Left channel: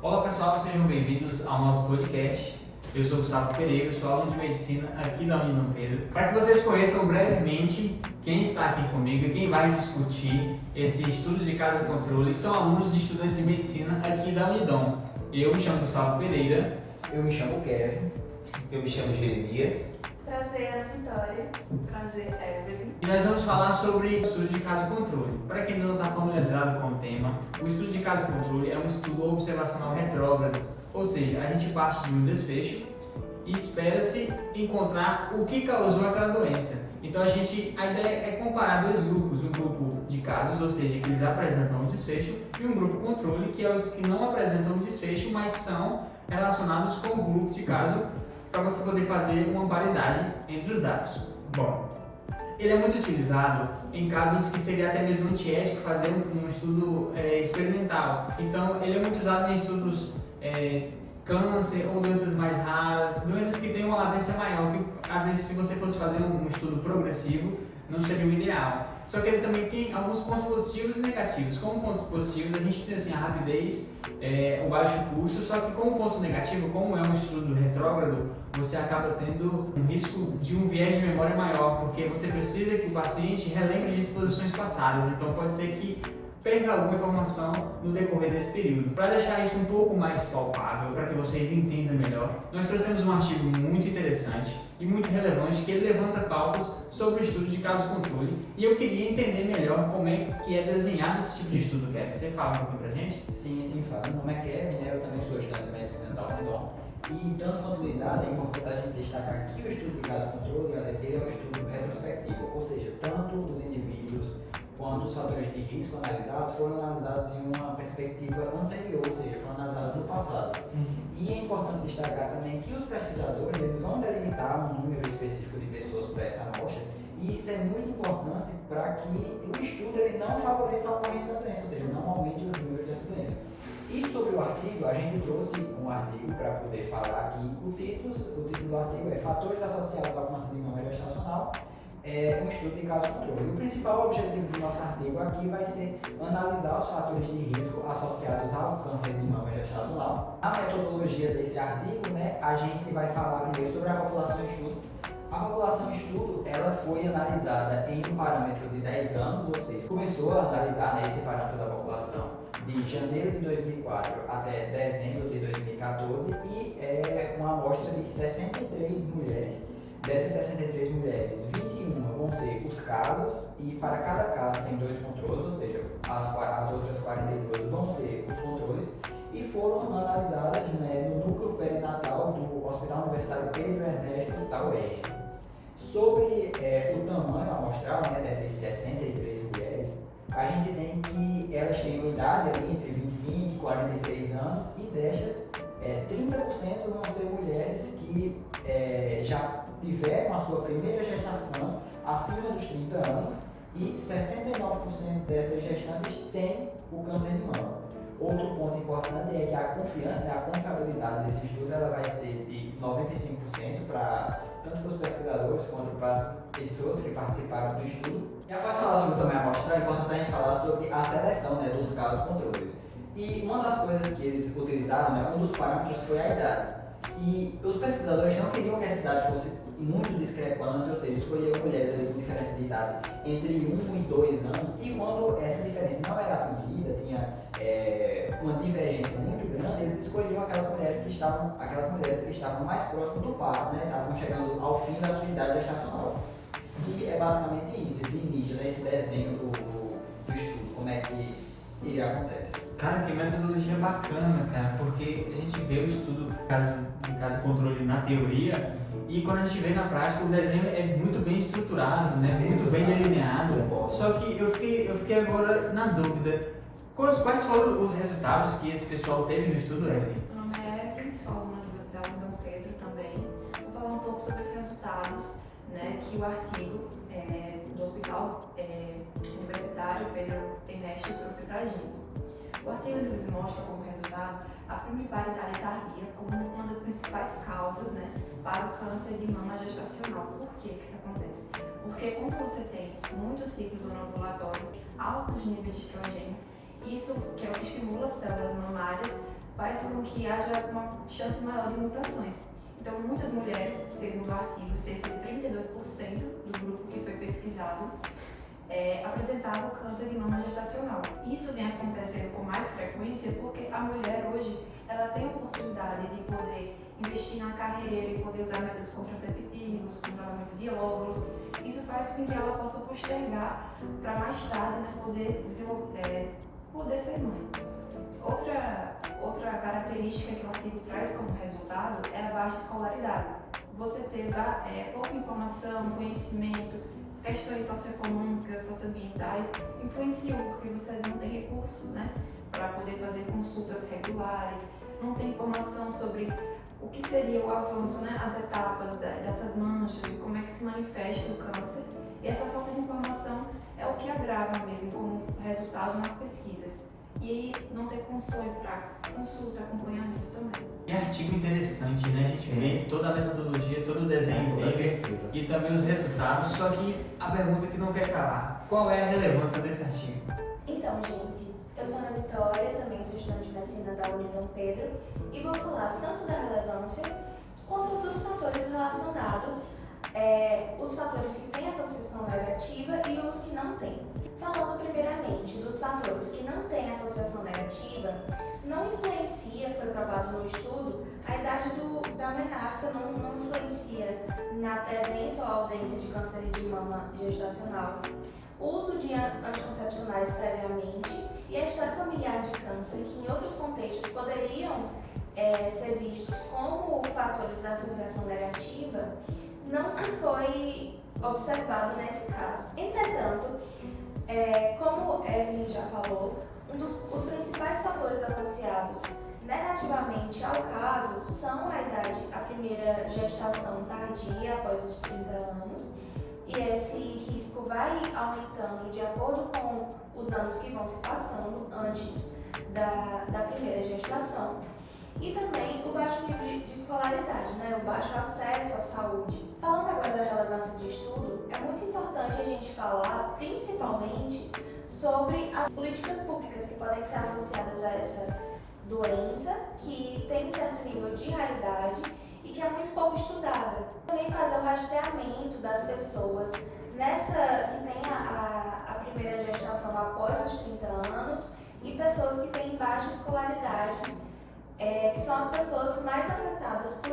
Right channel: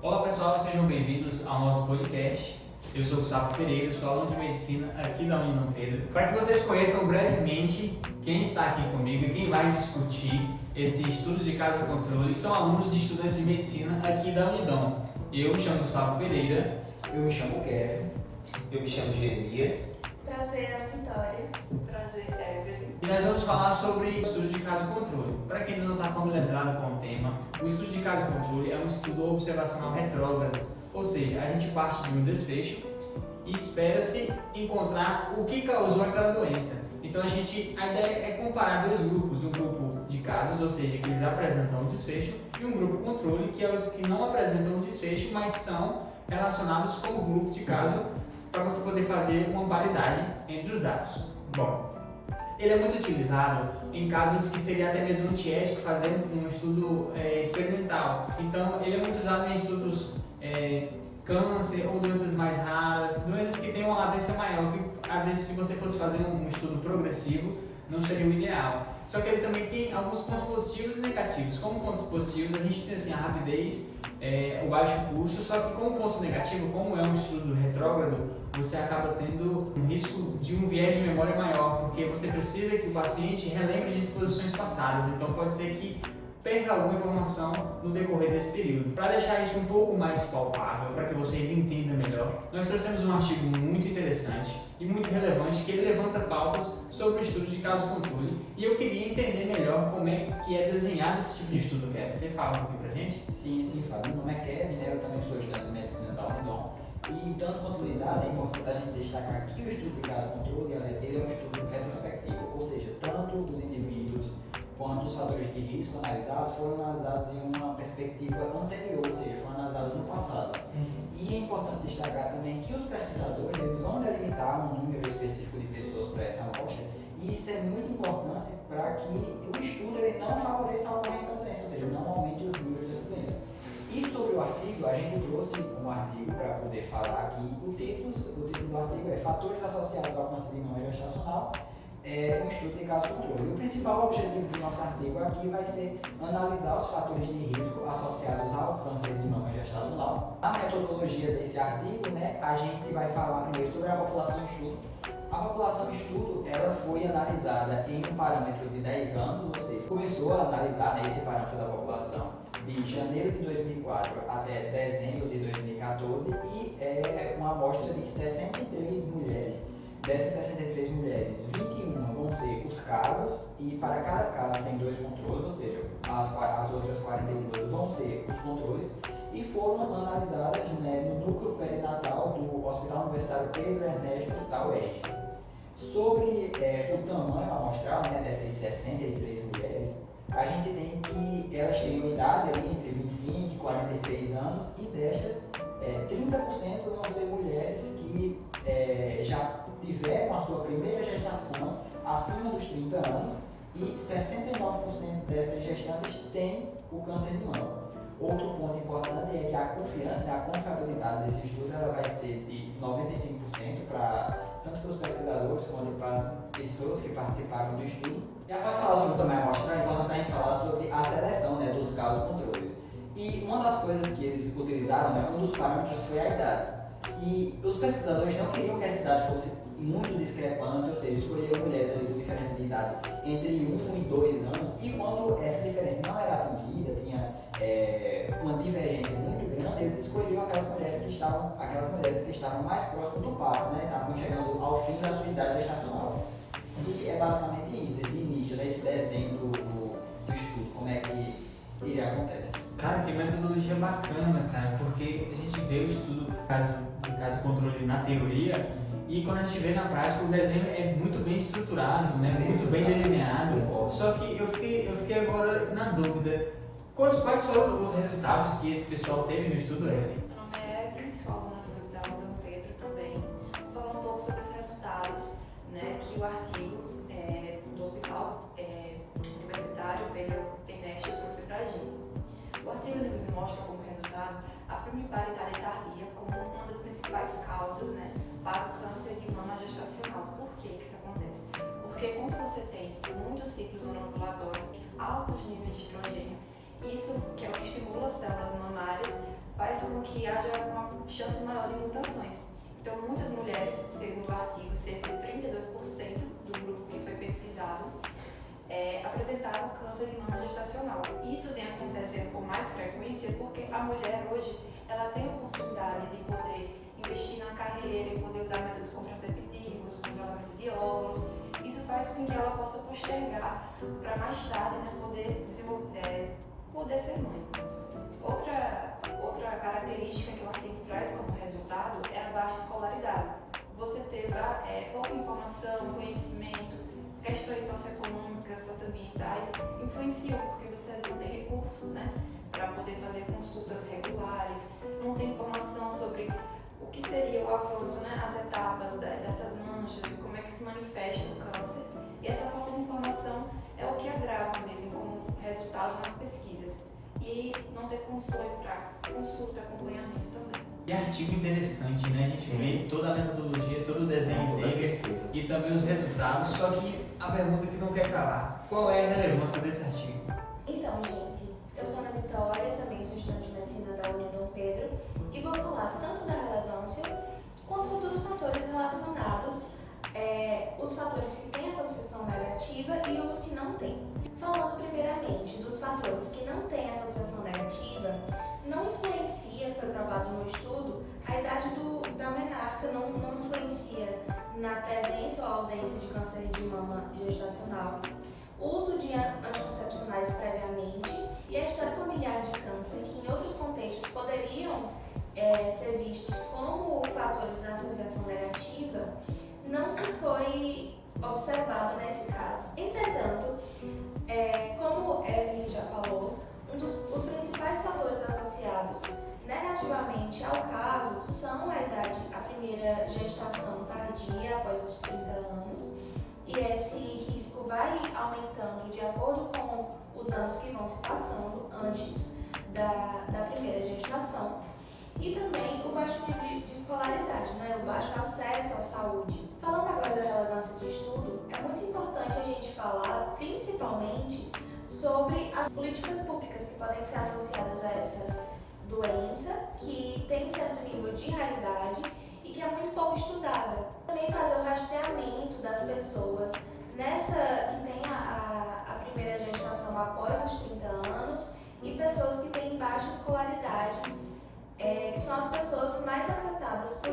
Olá pessoal, sejam bem-vindos ao nosso podcast. Eu sou o Gustavo Pereira, sou aluno de Medicina aqui da Unidom Pedro. Para que vocês conheçam brevemente quem está aqui comigo e quem vai discutir esse estudo de caso controle, são alunos de estudantes de Medicina aqui da Unidom. Eu me chamo Gustavo Pereira. Eu me chamo Kevin. Eu me chamo Jeremias. Prazer, Ana Vitória. Prazer, Evelyn. E nós vamos falar sobre o estudo de caso controle. Para quem não está familiarizado com o tema, o estudo de caso controle é um estudo observacional retrógrado, ou seja, a gente parte de um desfecho e espera-se encontrar o que causou aquela doença. Então a ideia é comparar dois grupos, um grupo de casos, ou seja, que eles apresentam um desfecho, e um grupo controle, que é os que não apresentam um desfecho, mas são relacionados com o grupo de caso, para você poder fazer uma paridade entre os dados. Bom, ele é muito utilizado em casos que seria até mesmo antiético fazer um estudo experimental. Então, ele é muito usado em estudos câncer ou doenças mais raras, doenças que têm uma latência maior, que às vezes se você fosse fazer um estudo progressivo, não seria o ideal. Só que ele também tem alguns pontos positivos e negativos. Como pontos positivos, a gente tem assim, a rapidez, o baixo custo, só que como ponto negativo, como é um estudo retrógrado, você acaba tendo um risco de um viés de memória maior, porque você precisa que o paciente relembre de exposições passadas, então pode ser que perca alguma informação no decorrer desse período. Para deixar isso um pouco mais palpável, para que vocês entendam melhor, nós trouxemos um artigo muito interessante e muito relevante que ele levanta pautas sobre o estudo de caso controle, e eu queria entender melhor como é que é desenhado esse tipo de estudo, Kevin. Você fala um pouquinho pra gente? Sim, fala. Meu nome é Kevin, eu também sou estudante de Medicina da Unidom. E dando continuidade, é importante a gente destacar que o estudo de caso controle ele é um estudo retrospectivo, ou seja, tanto os indivíduos quanto os fatores de risco analisados foram analisados em uma perspectiva anterior, ou seja, foram analisados no passado. E é importante destacar também que os pesquisadores eles vão delimitar um número específico de pessoas para essa amostra, e isso é muito importante para que o estudo ele não favoreça a ocorrência da doença, ou seja, não aumente os números dessa doença. E sobre o artigo, a gente trouxe um artigo para poder falar aqui. O título do artigo é Fatores associados ao câncer de mama gestacional, um estudo de caso controle. O principal objetivo do nosso artigo aqui vai ser analisar os fatores de risco associados ao câncer de mama gestacional. Na metodologia desse artigo, a gente vai falar primeiro sobre a população estudo. A população estudo ela foi analisada em um parâmetro de 10 anos, ou seja, começou a analisar esse parâmetro da população de janeiro de 2004 até dezembro de 2014 e é uma amostra de 63 mulheres. Dessas 63 mulheres, 21 vão ser os casos e para cada caso tem 2 controles, ou seja, as outras 42 vão ser os controles e foram analisadas no núcleo perinatal do Hospital Universitário Pedro Ernesto da UERJ. Sobre o tamanho amostral dessas 63 mulheres, a gente tem que elas têm uma idade ali entre 25 e 43 anos e destas 30% vão ser mulheres que já tiveram a sua primeira gestação acima dos 30 anos e 69% dessas gestantes têm o câncer de mama. Outro ponto importante é que a confiança, a confiabilidade desse estudo ela vai ser de 95% para tanto para os pesquisadores quanto para as pessoas que participaram do estudo. E após falar sobre também a amostra, é importante a gente falar sobre a seleção dos casos controles. E uma das coisas que eles utilizaram, um dos parâmetros foi a idade. E os pesquisadores não queriam que essa idade fosse muito discrepante, ou seja, escolheram mulheres de diferença de idade entre 1 e 2 anos, e quando essa diferença não era atingida, tinha uma divergência muito grande, eles escolhiam aquelas mulheres que estavam mais próximas do parto, estavam chegando ao fim da sua idade gestacional. E é basicamente isso, esse início, esse desenho do estudo, como é que ele acontece. Cara, que metodologia bacana, cara, porque a gente vê o estudo de caso controle na teoria e quando a gente vê na prática o desenho é muito bem estruturado, muito bem delineado. Só que eu fiquei agora na dúvida, quais foram os resultados que esse pessoal teve no estudo, Evelyn? Meu nome é Evelyn, sou aluna da Unidom Pedro também. Vou falar um pouco sobre os resultados que o artigo do Hospital Universitário Pedro Ernesto trouxe para a gente. O artigo nos mostra como resultado a primiparidade tardia como uma das principais causas para o câncer de mama gestacional. Por que isso acontece? Porque quando você tem muitos ciclos anovulatórios, altos níveis de estrogênio, isso, que é o que estimula as células mamárias, faz com que haja uma chance maior de mutações. Então, muitas mulheres, segundo o artigo, cerca de 32% do grupo que foi pesquisado, apresentava câncer de mama gestacional. Isso vem acontecendo com mais frequência porque a mulher hoje ela tem a oportunidade de poder investir na carreira e poder usar métodos contraceptivos, controlamento de óvulos. Isso faz com que ela possa postergar para mais tarde, né, poder ser mãe. Outra característica que o artigo traz como resultado é a baixa escolaridade. Você ter pouca informação, conhecimento, questões socioeconômicas, socioambientais influenciam porque você não tem recurso, né, para poder fazer consultas regulares, não tem informação sobre o que seria o avanço, né, as etapas dessas manchas e como é que se manifesta o câncer. E essa falta de informação é o que agrava mesmo como resultado nas pesquisas. E não ter condições para consulta, acompanhamento também. E artigo interessante, né? A gente vê toda a metodologia, todo o desenho Com dele certeza. e também os resultados, só que a pergunta que não quer calar, qual é a relevância desse artigo? Então, gente, eu sou Ana Vitória, também sou estudante de medicina da União Dom Pedro e vou falar tanto da relevância quanto dos fatores relacionados, os fatores que têm associação negativa e os que não têm. Falando primeiramente dos fatores que não têm associação negativa, não influencia, foi provado no estudo, a idade da menarca não influencia na presença ou ausência de câncer de mama gestacional, o uso de anticoncepcionais previamente e a história familiar de câncer, que em outros contextos poderiam ser vistos como fatores da associação negativa, não se foi observado nesse caso. Entretanto, como Evelyn já falou, os principais fatores associados negativamente ao caso são a primeira gestação tardia após os 30 anos, e esse risco vai aumentando de acordo com os anos que vão se passando antes da primeira gestação, e também o baixo nível de escolaridade, né? O baixo acesso à saúde. Falando agora da relevância de estudo, é muito importante a gente falar principalmente sobre as políticas públicas que podem ser associadas a essa doença, que tem certo nível de raridade e que é muito pouco estudada. Também fazer o rastreamento das pessoas que tem a primeira gestação após os 30 anos e pessoas que têm baixa escolaridade, que são as pessoas mais afetadas por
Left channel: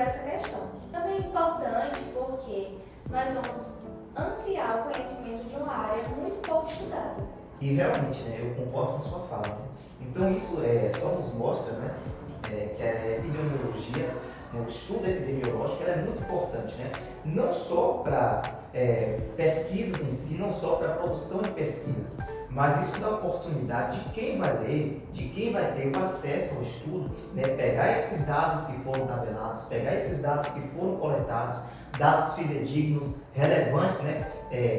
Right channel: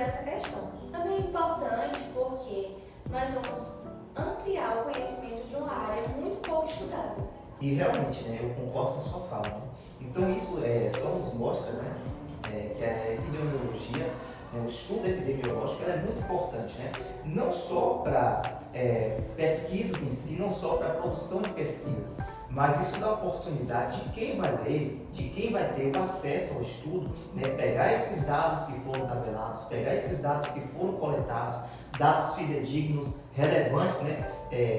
essa questão. Também é importante porque nós vamos ampliar o conhecimento de uma área muito pouco estudada. E realmente, né, eu concordo com a sua fala. Né? Então isso só nos mostra, né, que a epidemiologia, né, o estudo epidemiológico, ela é muito importante, né? Não só para pesquisas em si, não só para a produção de pesquisas, mas isso dá oportunidade de quem vai ler, de quem vai ter o acesso ao estudo, né, pegar esses dados que foram tabelados, pegar esses dados que foram coletados, dados fidedignos, relevantes, né,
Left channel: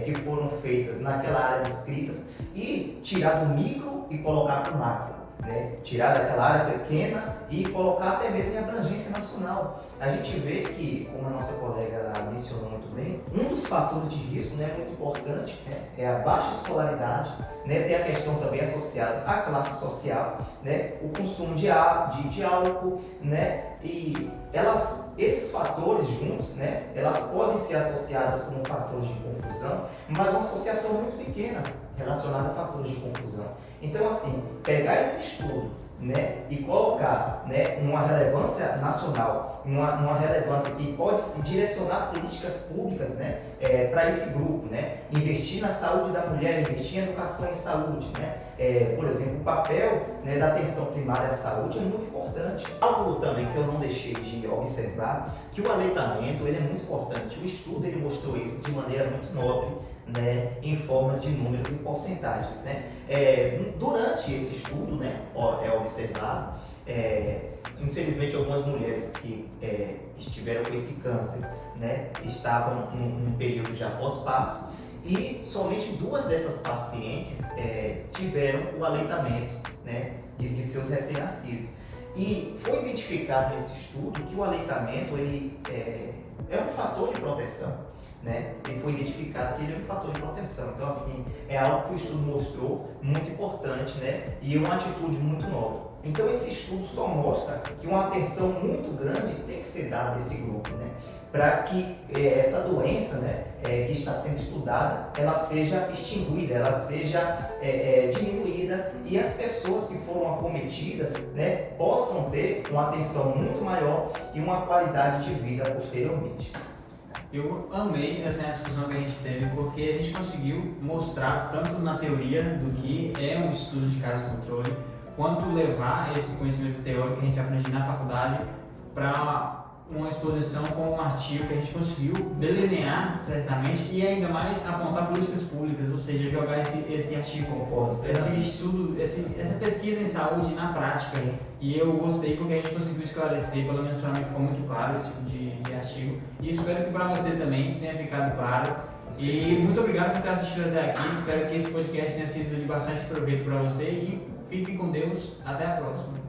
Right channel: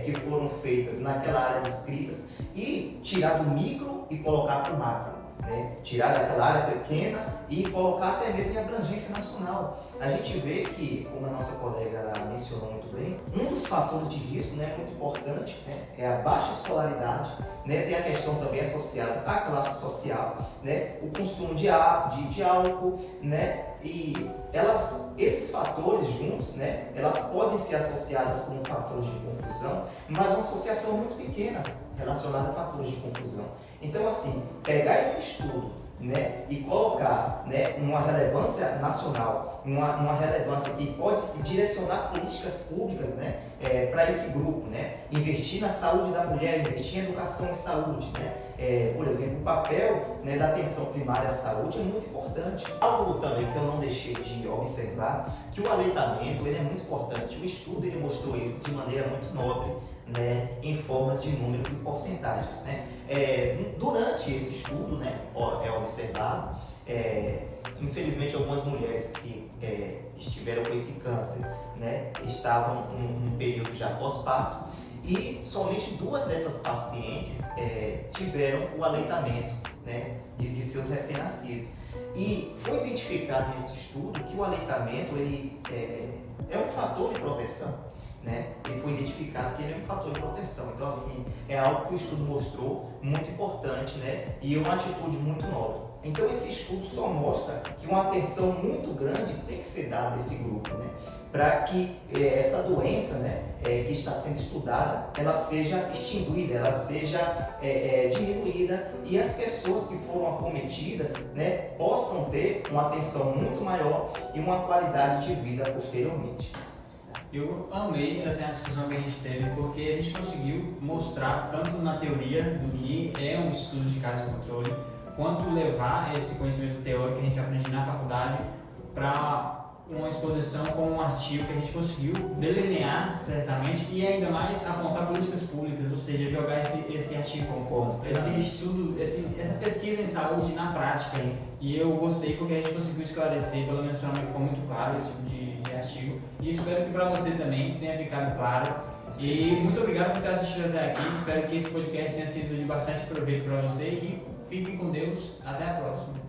que foram feitas naquela área de escritas e tirar do micro e colocar para o macro, né, tirar daquela área pequena e colocar até mesmo em abrangência nacional. A gente vê que, como a nossa colega mencionou muito bem, um dos fatores de risco, né, muito importante, né, é a baixa escolaridade, né, tem a questão também associada à classe social, né, o consumo de álcool, né, e esses fatores juntos, né, elas podem ser associadas como fatores de confusão, mas uma associação muito pequena relacionada a fatores de confusão. Então, assim, pegar esse estudo, né, e colocar, né, numa relevância nacional, numa relevância que pode se direcionar políticas públicas, né, para esse grupo, né, investir na saúde da mulher, investir em educação e saúde, né, por exemplo, o papel, né, da atenção primária à saúde é muito importante. Algo também que eu não deixei de observar, que o aleitamento ele é muito importante. O estudo ele mostrou isso de maneira muito nobre, né, em formas de números e porcentagens, né. Durante esse estudo, né, é observado, infelizmente algumas mulheres que estiveram com esse câncer, né, estavam num período já pós-parto e somente 2 dessas pacientes tiveram o aleitamento. né, de seus recém-nascidos. E foi identificado nesse estudo que o aleitamento ele é um fator de proteção, né? Ele foi identificado que ele é um fator de proteção. Então, assim, é algo que o estudo mostrou muito importante, né? E uma atitude muito nova. Então, esse estudo só mostra que uma atenção muito grande tem que ser dada a esse grupo, né? Para que essa doença, né, que está sendo estudada, ela seja extinguida, ela seja diminuída e as pessoas que foram acometidas, né, possam ter uma atenção muito maior e uma qualidade de vida posteriormente. Eu amei essa discussão que a gente teve porque a gente conseguiu mostrar tanto na teoria do que é um estudo de caso de controle, quanto levar esse conhecimento teórico que a gente aprende na faculdade para uma exposição com um artigo que a gente conseguiu delinear certamente e ainda mais apontar políticas públicas, ou seja, jogar esse artigo, esse estudo, essa pesquisa em saúde na prática. E eu gostei porque a gente conseguiu esclarecer, pelo menos para mim ficou muito claro esse tipo de artigo. E espero que para você também tenha ficado claro. E muito obrigado por ter assistido até aqui. Espero que esse podcast tenha sido de bastante proveito para você e fique com Deus. Até a próxima.